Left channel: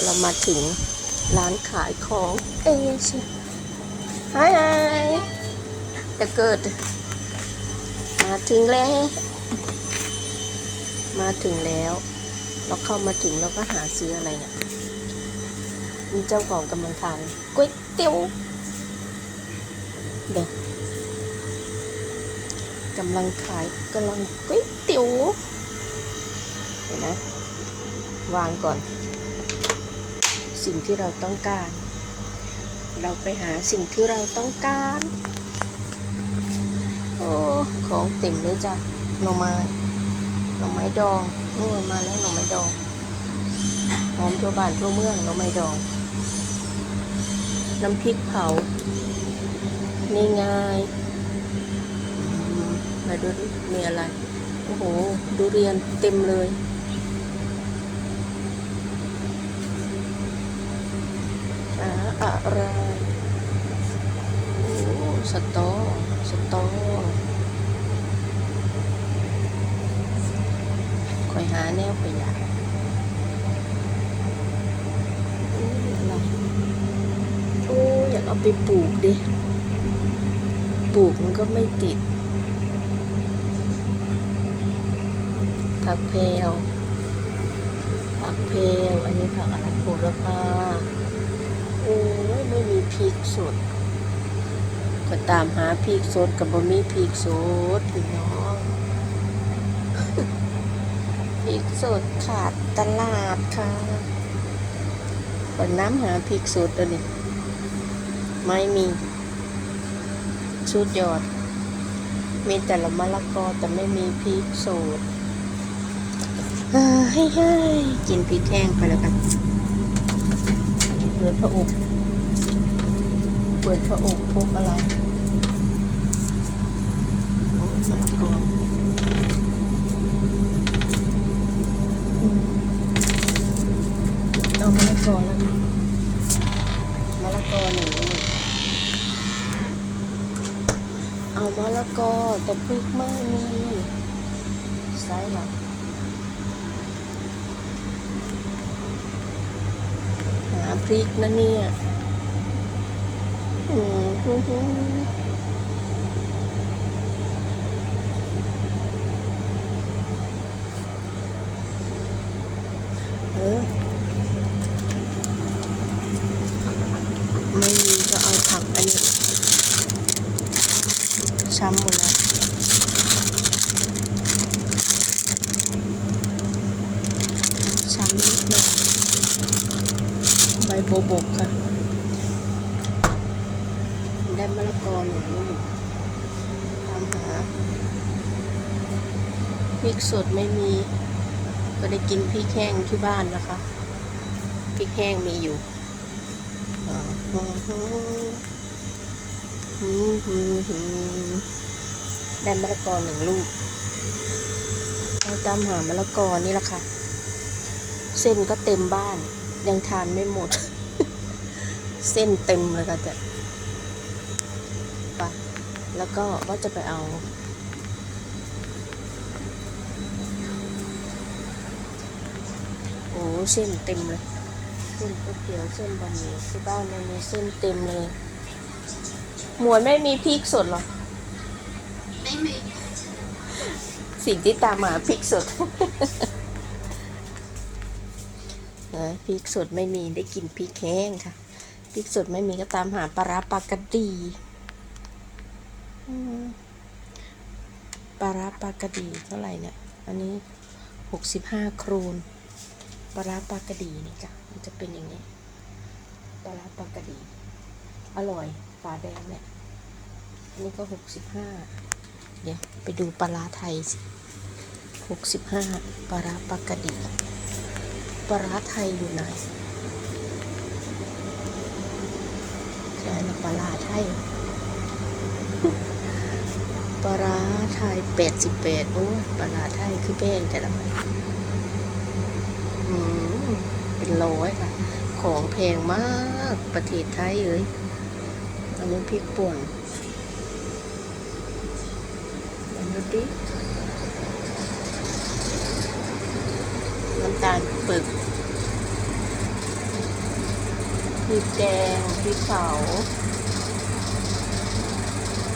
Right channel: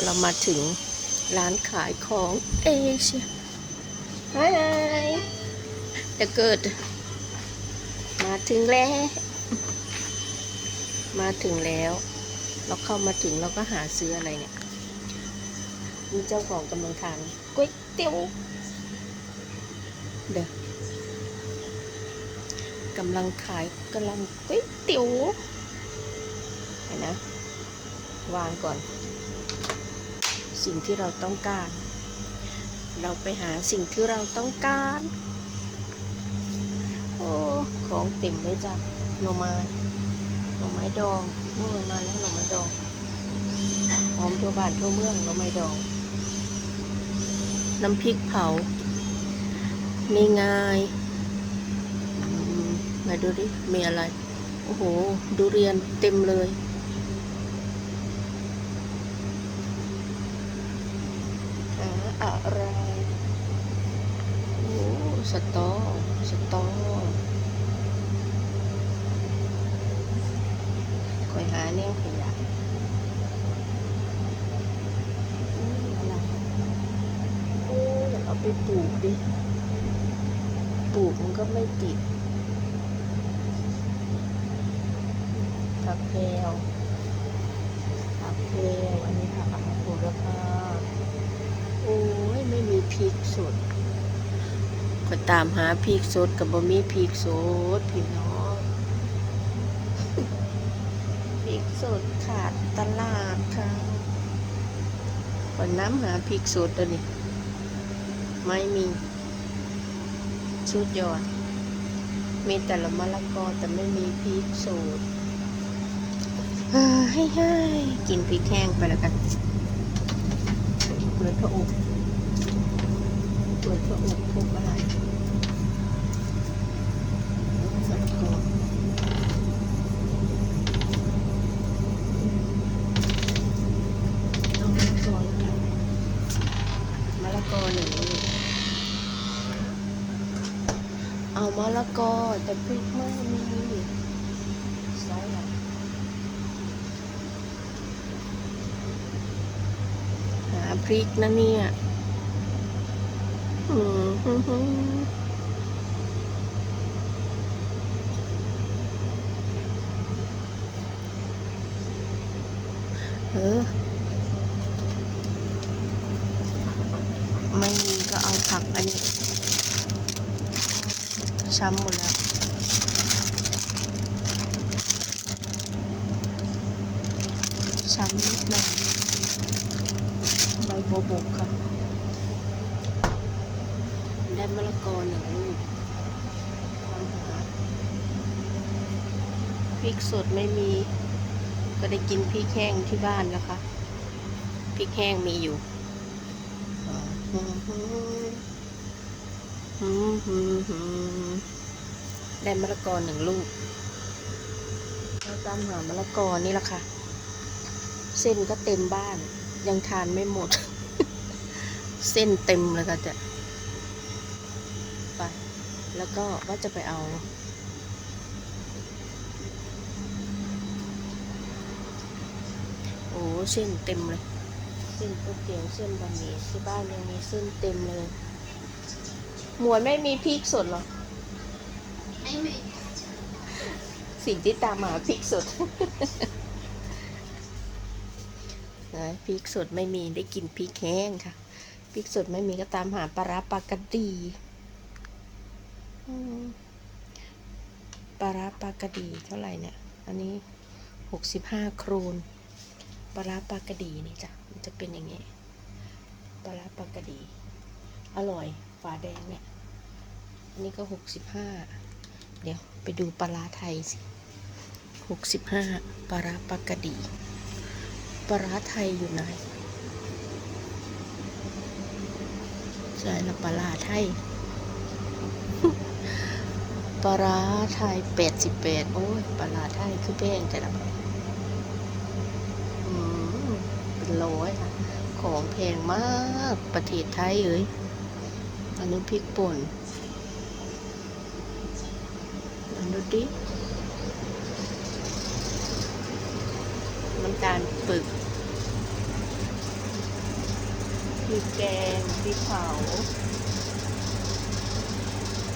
เรามาถึงร้านขายของเอเชียฮายจะเกิด มาถึงแล้ว มาถึงแล้วเราเข้ามาถึงเราก็หาซื้ออะไรเนี่ยมีเจ้าของกำลังทานก๋วยเตี๋ยวเด็กกำลังขายกำลังก๋วยเตี๋ยวเห็นไหมวางก่อน สิ่งที่เราต้องการ เราไปหาสิ่งที่เราต้องการ โอ้ ของเต็มเลยจ้ะหน่อไม้หน่อไม้ดองนู่นมาแล้วหน่อไม้ดองหอมทั่วบ้านทั่วเมืองหน่อไม้ดอง น้ำพริกเผา ง่ายๆมาดูดิมีอะไร โอ้โหดูเรียนเต็มเลย หา อะไรโอ้สตอสตอคอยหาแนวขยะโอ้ยโอ้ยอยากเอาไปปลูกดิ ปลูกมันก็ไม่ติดผักเพลผักเพลอันนี้ผักอะไรโหระพาโอ้ยไม่มีพริกสดก็ตามหาพริกสดกับบ่มีพริกสดพี่น้องพริกสดขาดตลาดค่ะคนน้ำหาพริกสดตัวนี้ไม่มีชุดยอด มีแต่ละมะละกอแต่ไม่มีพริกสดให้ให้กินพริกแห้งไปแล้วกัน เปิดพระอบ เปิดพระอบพบอะไรอ้ใส่กรองอืมเอามะละกอแล้วกันมะละกอหนึ่งลูกเอามะละกอแต่พริกไม่มีใส่หรอหาพริกนะเนี่ย อืมฮึ่มเออไม่ อนตามหาพริกสดไม่มี ก็ได้กินพริกแห้งที่บ้านนะคะพริกแห้งมีอยู่ได้มะละกอหนึ่งลูกเราตามหามะละกอนี่แหละค่ะ เส้นก็เต็มบ้าน ยังทานไม่หมด เส้นเต็มเลยค่ะแต่ไป แล้วก็ว่าจะไปเอา โอ้เส้นเต็มเลยเส้นก๋วยเตี๋ยวเส้นบะหมี่ที่บ้านมันมีเส้นเต็มเลย หมวนไม่มีพริกสดเหรอไม่มีสิ่งที่ตามมาพริกสดเอ้ยพริกสดไม่มีได้กินพริกแห้งค่ะพริกสดไม่มีก็ตามหาปลาร้าปลากระดีอืม ปลาร้าปลากระดีเท่าไหร่เนี่ย อันนี้หกสิบห้าครูนปลาร้าปลากระดีนี่จ้ะมันจะเป็นยังไงปลาร้าปลากระดี อร่อยฝาแดงเนี่ย อันนี้ก็หกสิบห้าเดี๋ยวไปดูปลาร้าไทยสิหกสิบห้าปลาร้าปลากระดีปลาร้าไทยอยู่ไหนใช่แล้วปลาร้าไทย ปลาราไทยแปดสิบแปดโอ้ยปลาราไทยคือแพงแต่ละอืมเป็นร้อยค่ะ ของแพงมากประเทศไทยเอ้ยอันนี้พริกป่นลองดูดิน้ำตาลปึกพริกแกงพริกเผา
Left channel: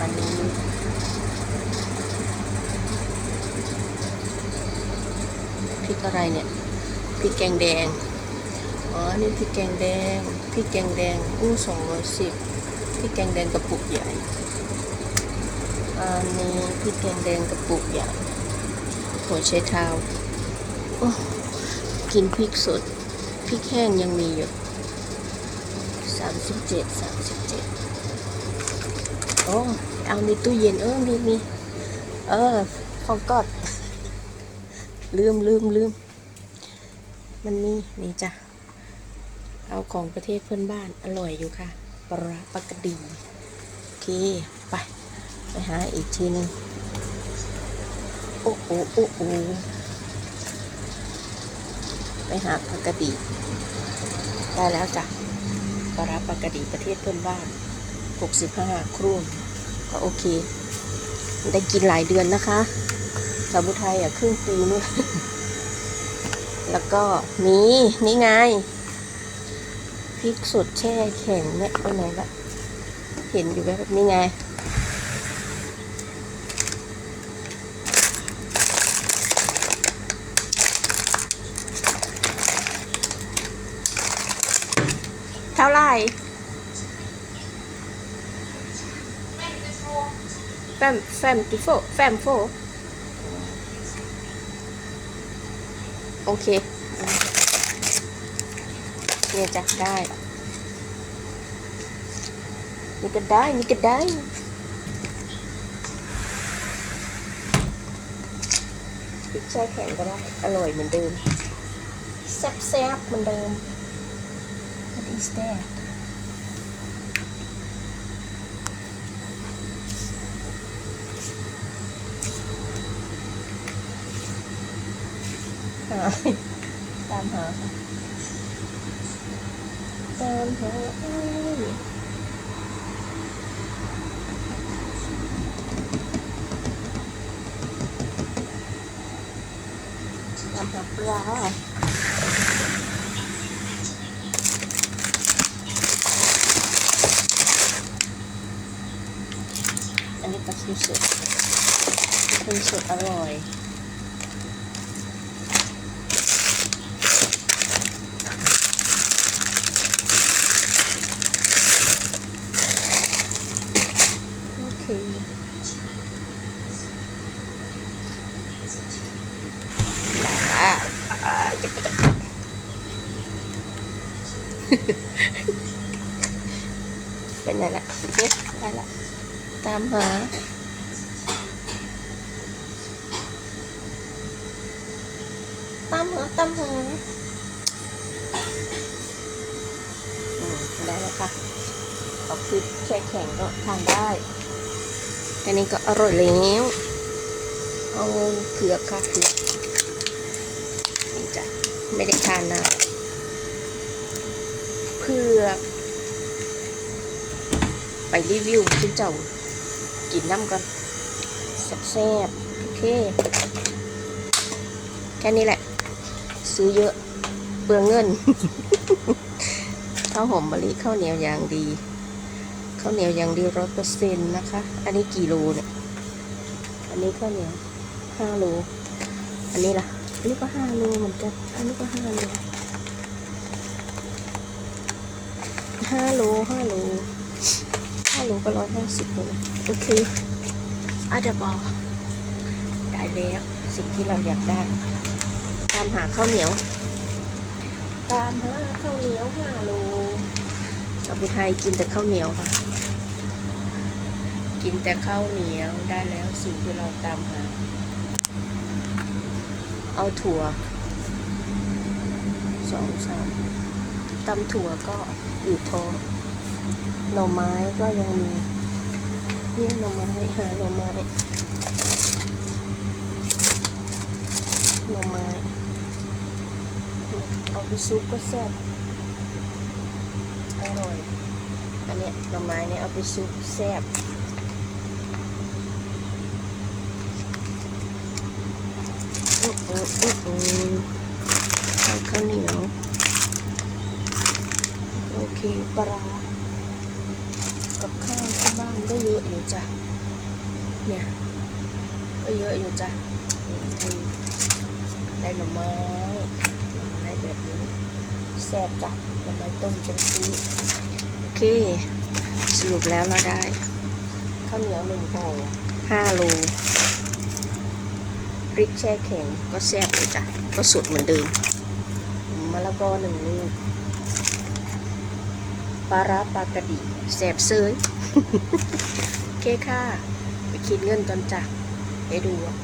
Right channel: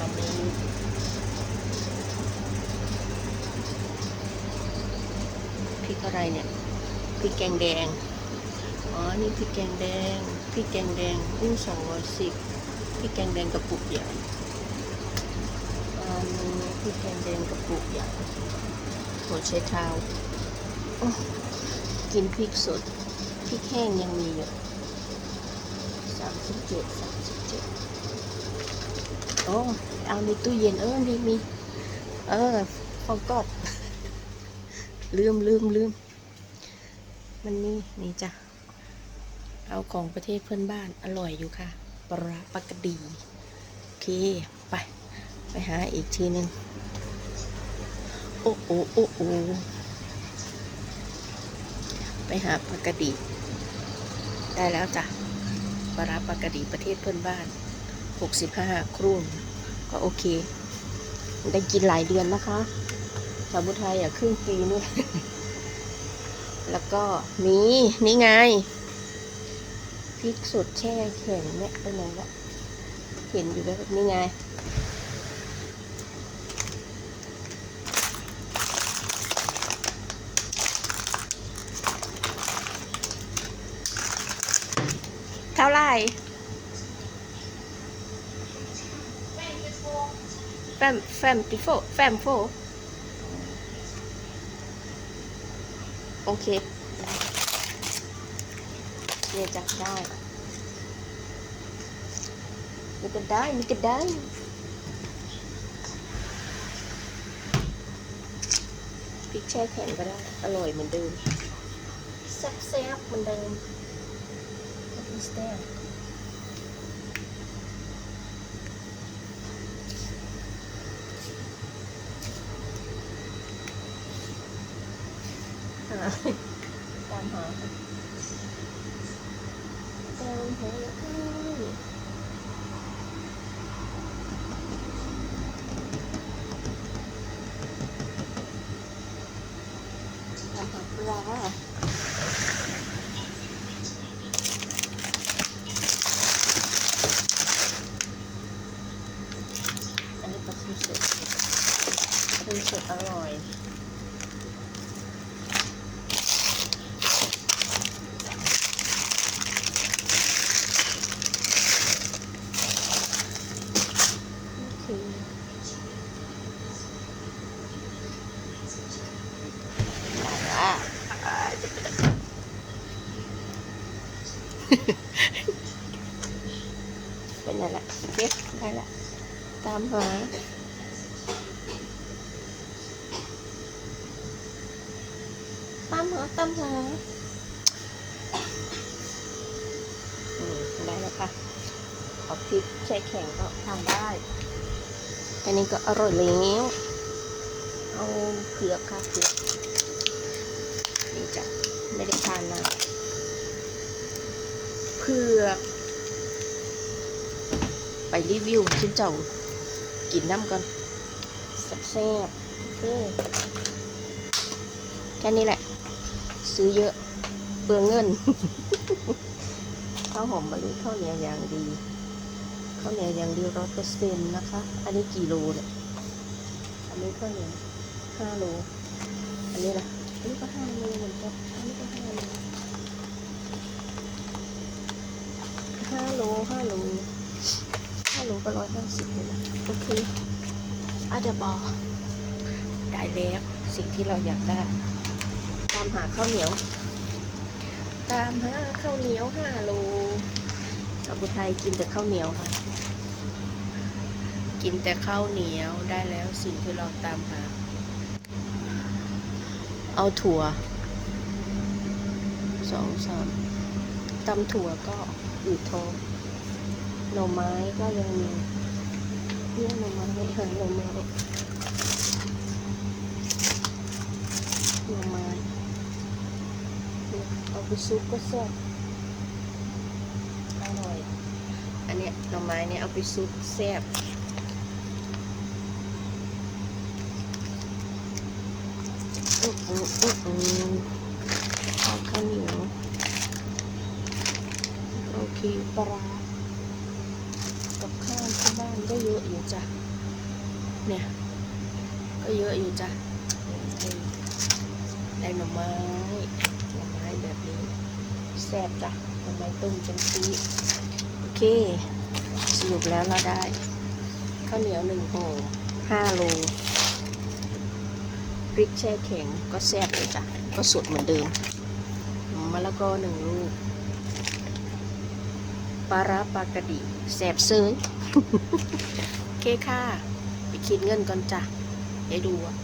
อันนี้พริก อะไรเนี่ยพริกแกงแดง อ๋อ นี่พริกแกงแดงพริกแกงแดงอู้สองร้อยสิบพริกแกงแดงกระปุกใหญ่อันนี้พริกแกงแดงกระปุกใหญ่หัวใช้เท้าโอ้กินพริกสดพริกแห้งยังมีอยู่สามสิบเจ็ดสามสิบเจ็ดโอ้เอาในตู้เย็นเออมีมีเออของกอด ลืมลืมลืมมันมีนี่จ้ะเอาของประเทศเพื่อนบ้านอร่อยอยู่ค่ะปลาปลากระดีโอเค ไป ไปหาอีกทีหนึงโอ้โอ้โอ้โอ้ไปหาปลากระดีได้แล้วจ้ะปลาปลากระดีประเทศเพื่อนบ้าน 65 ครูนก็โอเค ได้กินหลายเดือนนะคะ สาวบุไทยอะครึ่งปีนู่นแล้วก็มีนี่ไงพริกสุดแช่แข็งเนี่ยไปไหนละเห็นอยู่แบบนี้ไงเท่าไหร่แฟมแฟมติโฟแฟมโฟ โอเคเกียจับได้ นี่ก็ได้ นี่ก็ได้พริกแช่แข็งก็ได้ อร่อยเหมือนเดิมแซ่บๆเหมือนเดิม What is that? ตามหาตามหาตามหาปลา อันนี้ปลาเค็มสดเค็มสดอร่อย โอเคอะอะ เป็นไงล่ะเก็ตได้ละตามหาตามหาตามหาอืมได้แล้วค่ะขอพริกใช้แข็งก็ทานได้แค่นี้ก็อร่อยแล้วเอาเผือกค่ะเผือกนี่จ้ะไม่ได้ทานนาน เผือกไปรีวิวที่เจ้ากินน้ำก่อนแซ่บๆโอเค แค่นี้แหละ ซื้อเยอะเปลืองเงิน ข้าวหอมมะลิข้าวเหนียวอย่างดีข้าวเหนียวอย่างดีร้อยเปอร์เซ็นต์นะคะ อันนี้กี่โลเนี่ย อันนี้ข้าวเหนียวห้าโล อันนี้ล่ะ อันนี้ก็ห้าโลเหมือนกัน อันนี้ก็ห้าโล ห้าโลห้าโลห้าโลก็ร้อยห้าสิบเลยโอเคอาจจะบอกได้แล้วสิ่งที่เราอยากได้ ตามหาข้าวเหนียว ตามหาข้าวเหนียวห้าโลชาวบุไทยกินแต่ข้าวเหนียวค่ะ กินแต่ข้าวเหนียวได้แล้วสิ่งที่เราตามหา เอาถั่วสองสามตำถั่วก็ อืดท้องหน่อไม้ก็ยังมีเนี่ยหน่อไม้หาหน่อไม้หน่อไม้เอาไปซุปก็แซ่บอร่อยอันเนี้ยหน่อไม้เนี่ยเอาไปซุปแซ่บโอ้โหโอ้ โหเอาข้าวเหนีปลากับข้าวที่บ้านก็เยอะอยู่จ้ะ เนี่ย ก็เยอะอยู่จ้ะได้หน่อไม้หน่อไม้แบบนี้แซ่บจ้ะหน่อไม้ต้มจังซีโอเค สรุปแล้วเราได้ ข้าวเหนียวหนึ่งห่อห้าโลพริกแช่แข็งก็แซ่บอยู่จ้ะก็สุดเหมือนเดิมมะละกอหนึ่งลูการ้าปลากระดิแสบเซิร์นโอเคค่ะ ไปคิดเงินก่อนจ้ะไปดูอะ